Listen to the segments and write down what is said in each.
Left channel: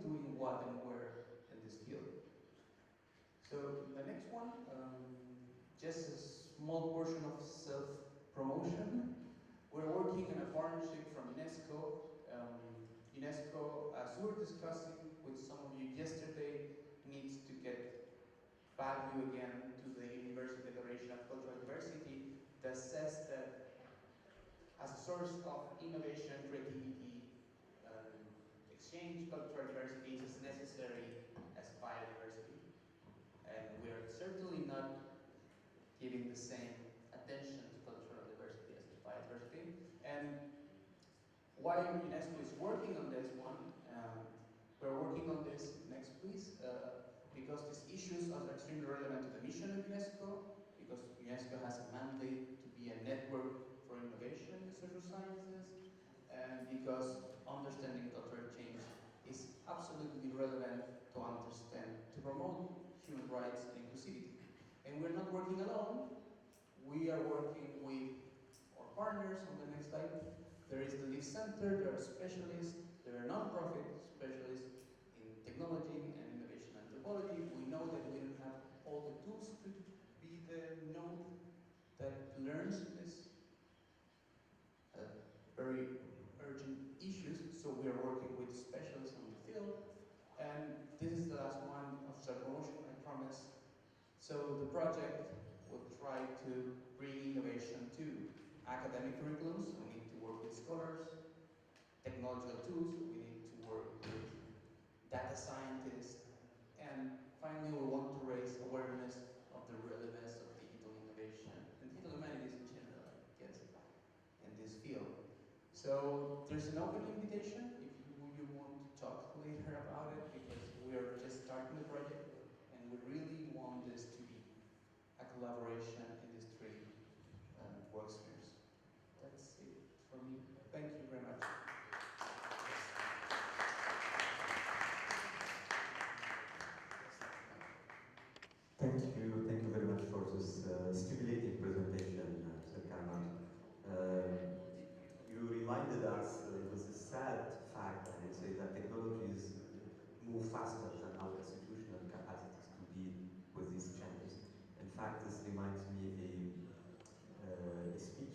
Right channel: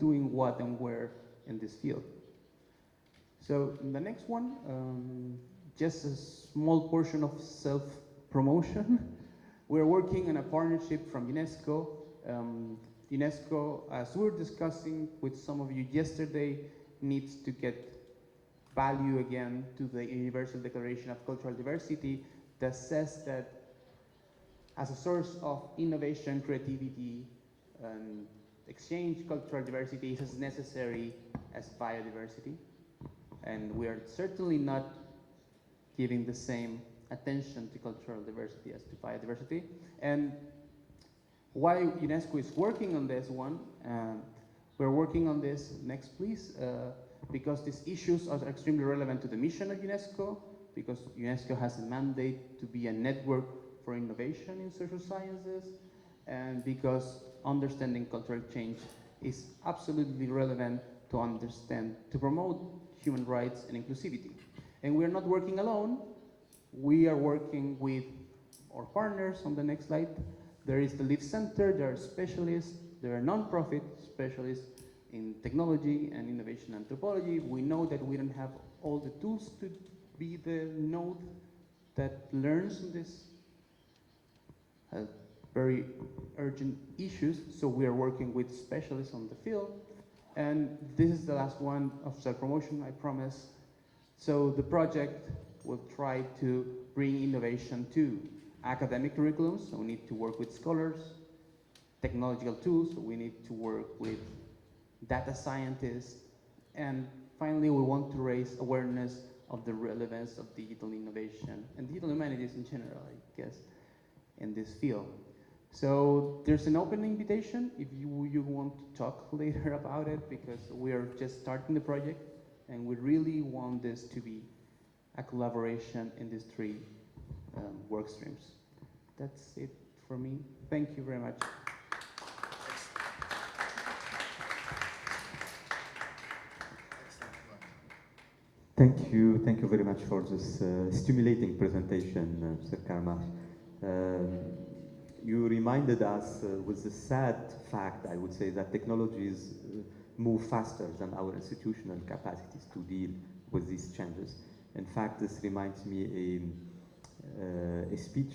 doing what and where in this field. So the next one, just a small portion of self-promotion. We're working on a partnership from UNESCO. UNESCO, as we were discussing with some of you yesterday, needs to get value again to the Universal Declaration of Cultural Diversity that says that as a source of innovation, creativity, and exchange, cultural diversity is as necessary as biodiversity. And we are certainly not giving the same attention to cultural diversity as to biodiversity. And why UNESCO is working on this one, we're working on this, next please, because these issues are extremely relevant to the mission of UNESCO, because UNESCO has a mandate to be a network for innovation in social sciences, and because understanding cultural change is absolutely relevant to understand, to promote human rights and inclusivity. And we're not working alone. We are working with our partners on the next slide. There is the Live Center, there are specialists, there are non-profit specialists in technology and innovation anthropology. We know that we don't have all the tools to be the node that learns in this very urgent issues, so we are working with specialists on the field. And this is the last one of self-promotion, I promise. So the project will try to bring innovation to academic curriculums, so we need to work with scholars, technological tools, so we need to work with data scientists, and finally we want to raise awareness of the relevance of digital innovation and digital humanities in general, I guess, in this field. So there's an open invitation if you want to talk later about it, because we are just starting the project and we really want this to be a collaboration in these three work streams. That's it for me. Thank you very much. Thank you very much for this stimulating presentation, Mr. Carmach. You reminded us with the sad fact, I would say, that technologies move faster than our institutional capacities to deal with these changes. In fact, this reminds me a speech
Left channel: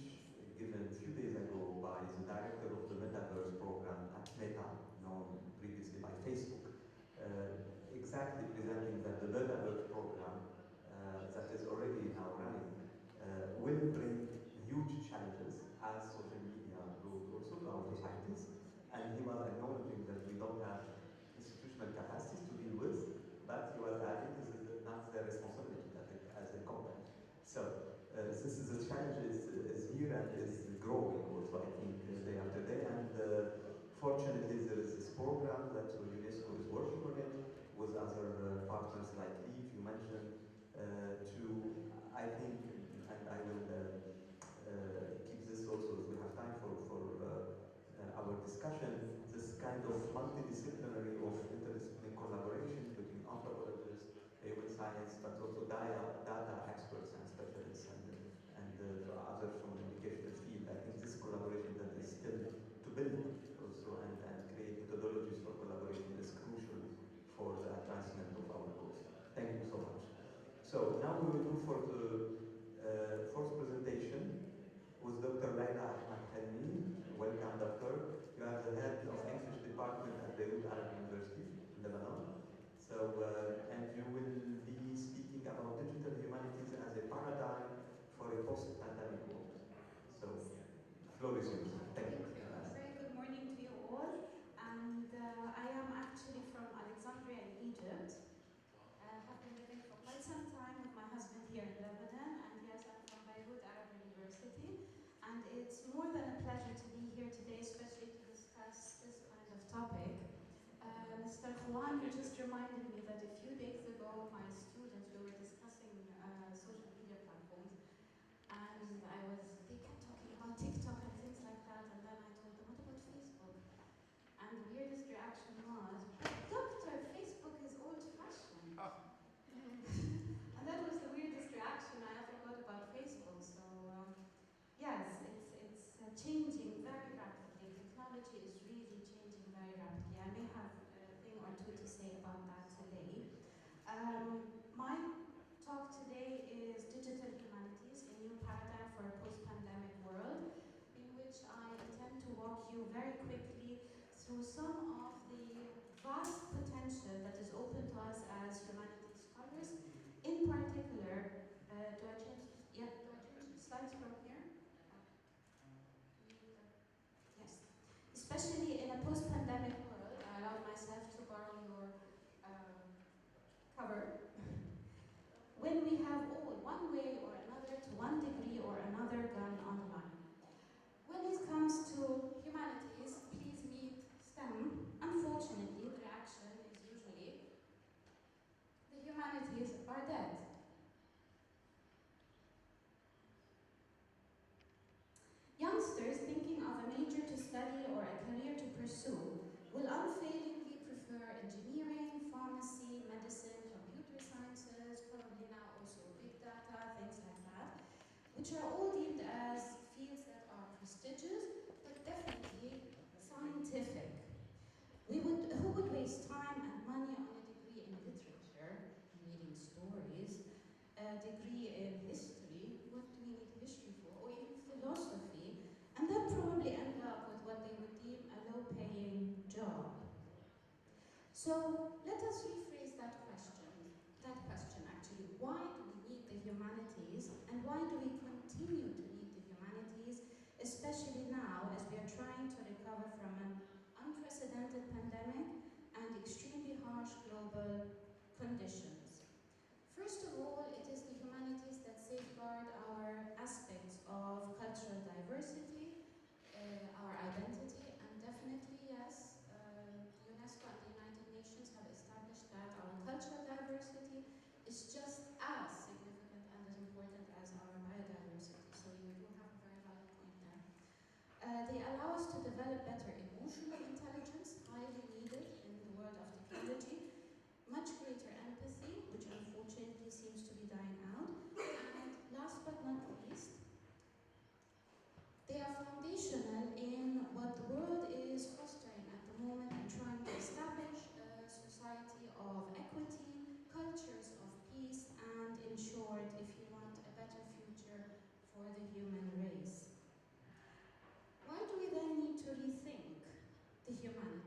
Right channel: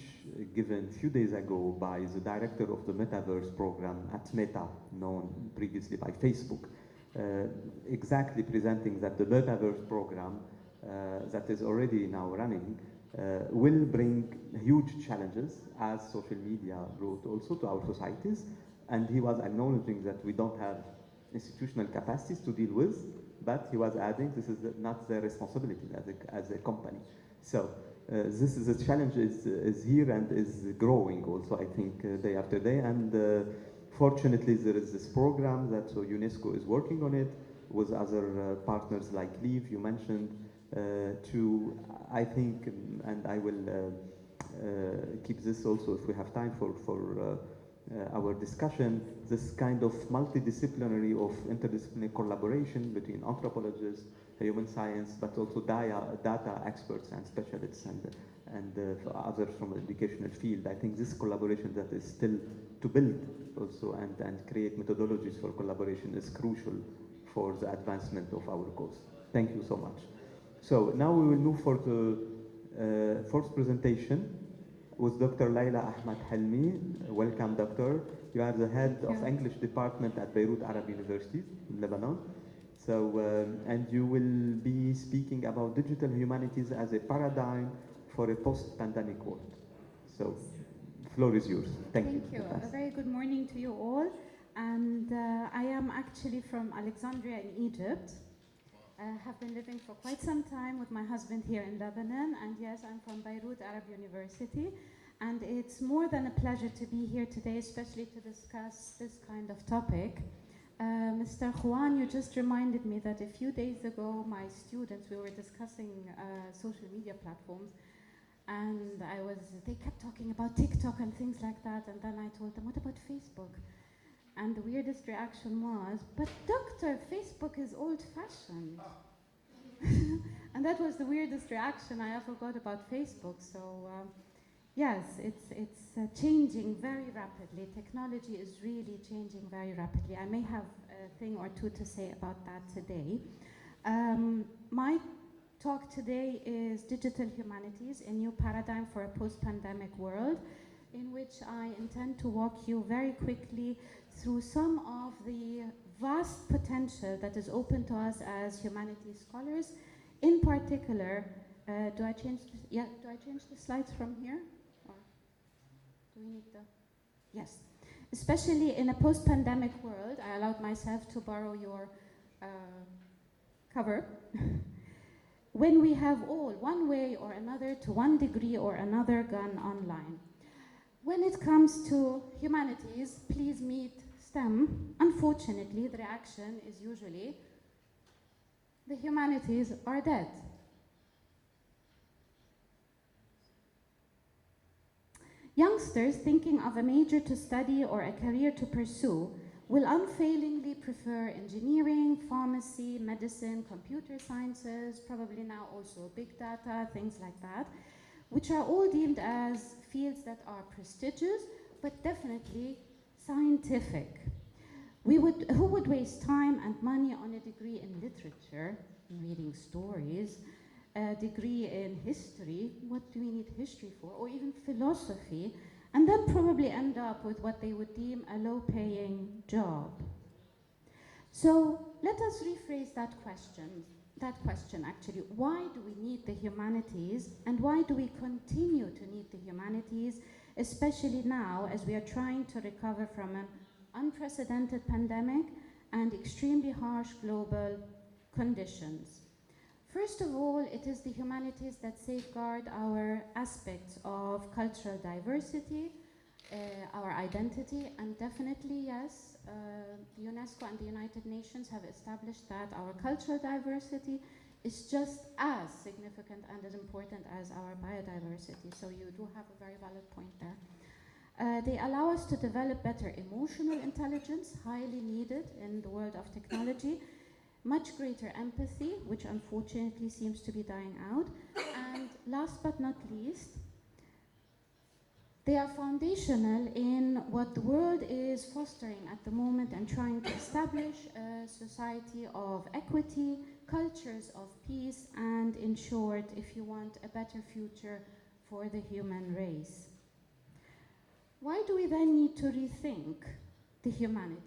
given a few days ago by the director of the Metaverse program at Meta, known previously by Facebook, exactly presenting that the Metaverse program that is already now running will bring huge challenges, as social media brought also to our societies. And he was acknowledging that we don't have institutional capacities to deal with, but he was adding this is not their responsibility as a company. So this is a challenge is here and is growing also, I think, day after day. And fortunately, there is this program that UNESCO is working on it with other partners like Leave, you mentioned, to, I think, and I will keep this also if we have time for our discussion, this kind of multidisciplinary of interdisciplinary collaboration between anthropologists, human science, but also data experts and specialists and others from the educational field. I think this collaboration that is still to build also and create methodologies for collaboration is crucial for the advancement of our cause. Thank you so much. So now we will move for the first presentation with Dr. Laila Ahmad Halmi. Welcome, doctor. You are the head of English department at Beirut Arab University-Lebanon. So, and you will be speaking about digital humanities as a paradigm for a post-pandemic world. So, the floor is yours. Thank you. Thank you. A very good morning to you all. And I am actually from Alexandria in Egypt. Have been living for quite some time with my husband here in Lebanon, and yes, I'm from Beirut Arab University, and it's more than a pleasure to be here today, especially to discuss this kind of topic. Mr. Juan, you just reminded me that a few days ago, my students, we were discussing social media platforms, and they kept talking about TikTok and things like that, and then I told them, what about Facebook? And the weirdest reaction was, but doctor, Facebook is old-fashioned. And that was the weirdest reaction I ever got about Facebook. So yes, it's changing very rapidly. Technology is really changing very rapidly. I may have thing or two to say about that today. My talk today is Digital Humanities, a new paradigm for a post-pandemic world, in which I intend to walk you very quickly through some of the vast potential that is open to us as humanities scholars. In particular, do I change the slides from here? Or do we need the, yes. Especially in a post-pandemic world, I allowed myself to borrow your cover. When we have all, one way or another, to one degree or another, gone online. When it comes to humanities, please meet STEM. Unfortunately, the reaction is usually, the humanities are dead. Youngsters thinking of a major to study or a career to pursue will unfailingly prefer engineering, pharmacy, medicine, computer sciences, probably now also big data, things like that, which are all deemed as fields that are prestigious, but definitely scientific. Who would waste time and money on a degree in literature, in reading stories, a degree in history, what do we need history for, or even philosophy, and then probably end up with what they would deem a low-paying job? So let us rephrase that question actually. Why do we need the humanities, and why do we continue to need the humanities, especially now as we are trying to recover from an unprecedented pandemic and extremely harsh global conditions? First of all, it is the humanities that safeguard our aspects of cultural diversity, our identity, and definitely, yes, UNESCO and the United Nations have established that our cultural diversity is just as significant and as important as our biodiversity. So you do have a very valid point there. They allow us to develop better emotional intelligence, highly needed in the world of technology, much greater empathy, which unfortunately seems to be dying out, and last but not least, they are foundational in what the world is fostering at the moment and trying to establish a society of equity, cultures of peace, and in short, if you want, a better future for the human race. Why do we then need to rethink the humanities?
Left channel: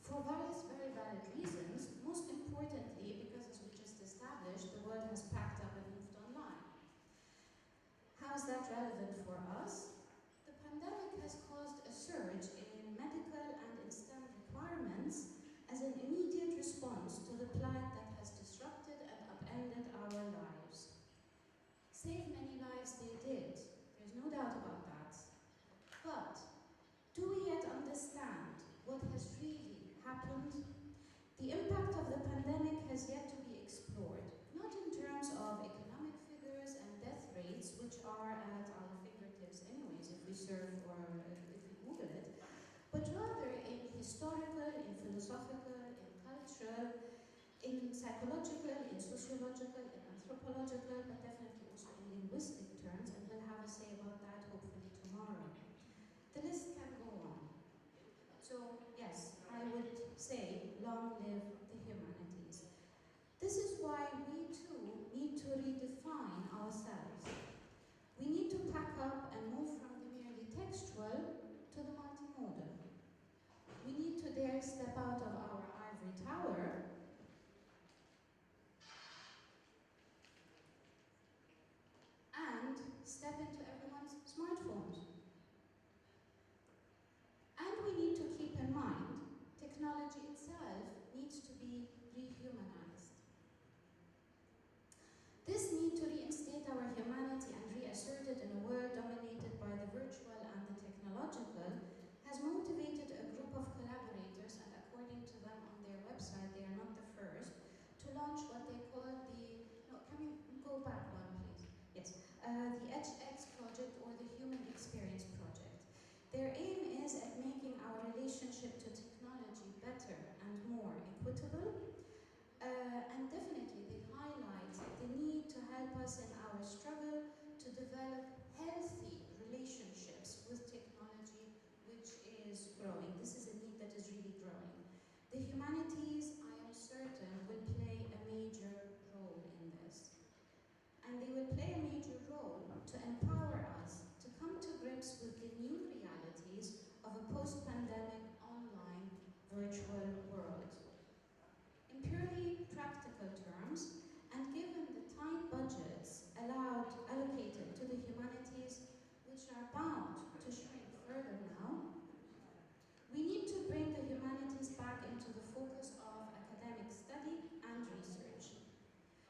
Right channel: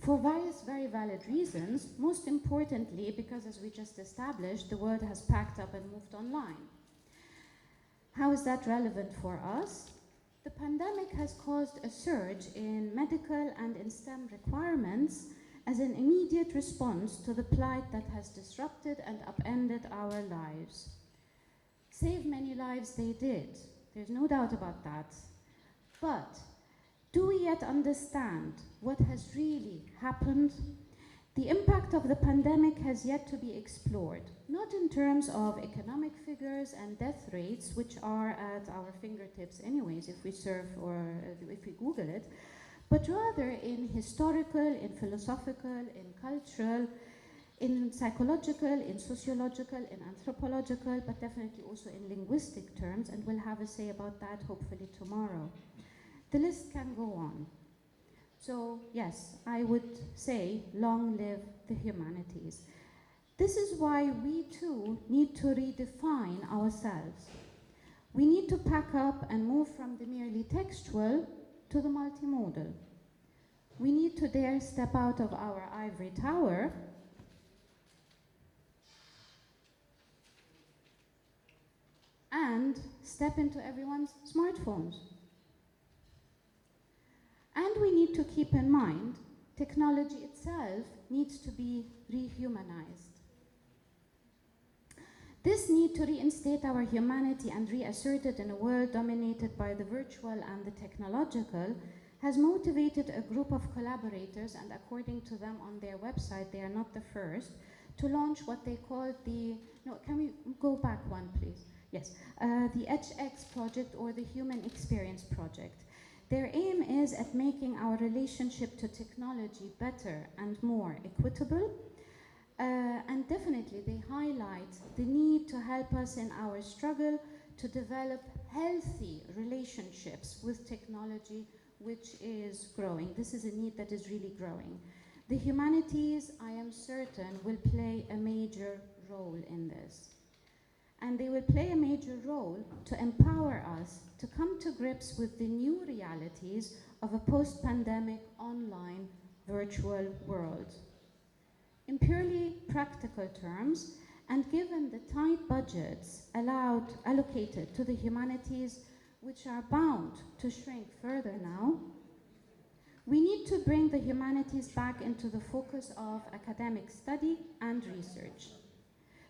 For various very valid reasons, most importantly because, as we just established, the world has packed up and moved online. How is that relevant for us? The pandemic has caused a surge in medical and in STEM requirements as an immediate response to the plight that has disrupted and upended our lives. Save many lives they did, there's no doubt about that. But do we yet understand what has really happened? The impact of the pandemic has yet to be explored, not in terms of economic figures and death rates, which are at our fingertips anyways if we surf or if we Google it, but rather in historical, in philosophical, in cultural, in psychological, in sociological, in anthropological, but definitely also in linguistic terms, and we'll have a say about that hopefully tomorrow. The list can go on. So yes, I would say long live the humanities. This is why we too need to redefine ourselves. We need to pack up and move from the merely textual to the multimodal. We need to dare step out of our ivory tower and step into everyone's smartphones. And we need to keep in mind, technology itself needs to be rehumanized. This need to reinstate our humanity and reassert it in a world dominated by the virtual and the technological has motivated a group of collaborators, and according to them on their website, they are not the first, to launch what they call the, no, can we go back one please? Yes, the HX project, or the Human Experience Project. Their aim is at making our relationship to technology better and more equitable, and definitely they highlight the need to help us in our struggle to develop healthy relationships with technology which is growing. This is a need that is really growing. The humanities, I am certain, will play a major role in this. And they will play a major role to empower us to come to grips with the new realities of a post-pandemic online virtual world. In purely practical terms, and given the tight budgets allocated to the humanities, which are bound to shrink further now, we need to bring the humanities back into the focus of academic study and research.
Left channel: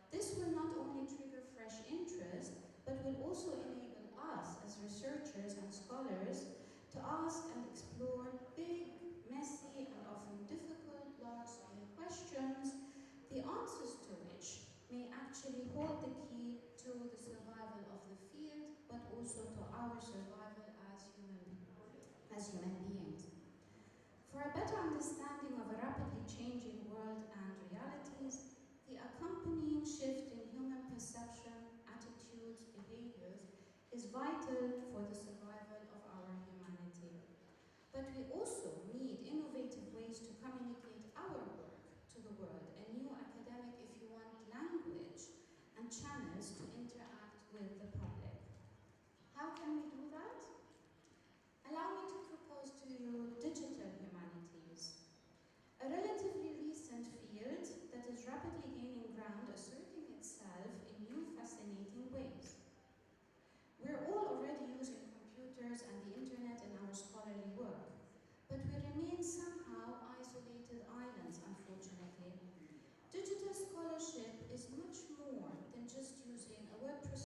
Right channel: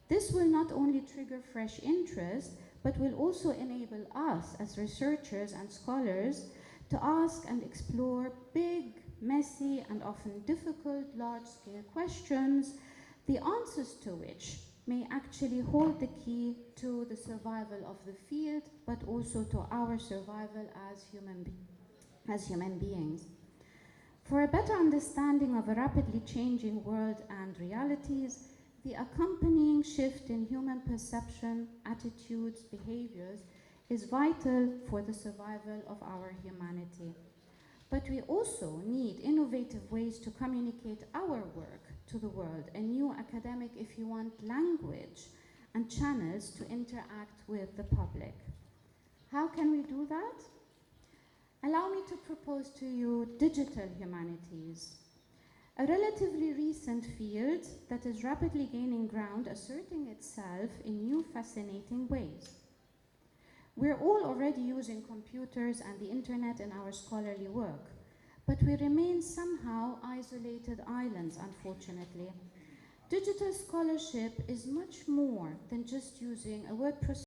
This will not only trigger fresh interest, but will also enable us as researchers and scholars to ask and explore big, messy, and often difficult large-scale questions, the answers to which may actually hold the key to the survival of the field, but also to our survival as human beings. For a better understanding of a rapidly changing world and realities, the accompanying shift in human perception, attitudes, behaviors is vital for the survival of our humanity. But we also need innovative ways to communicate our work to the world, a new academic, if you want, language and channels to interact with the public. How can we do that? Allow me to propose to you digital humanities, a relatively recent field that is rapidly gaining ground, asserting itself in new fascinating ways. We're all already using computers and the internet in our scholarly work, but we remain somehow isolated islands, unfortunately. Digital scholarship is much more than just using a word processor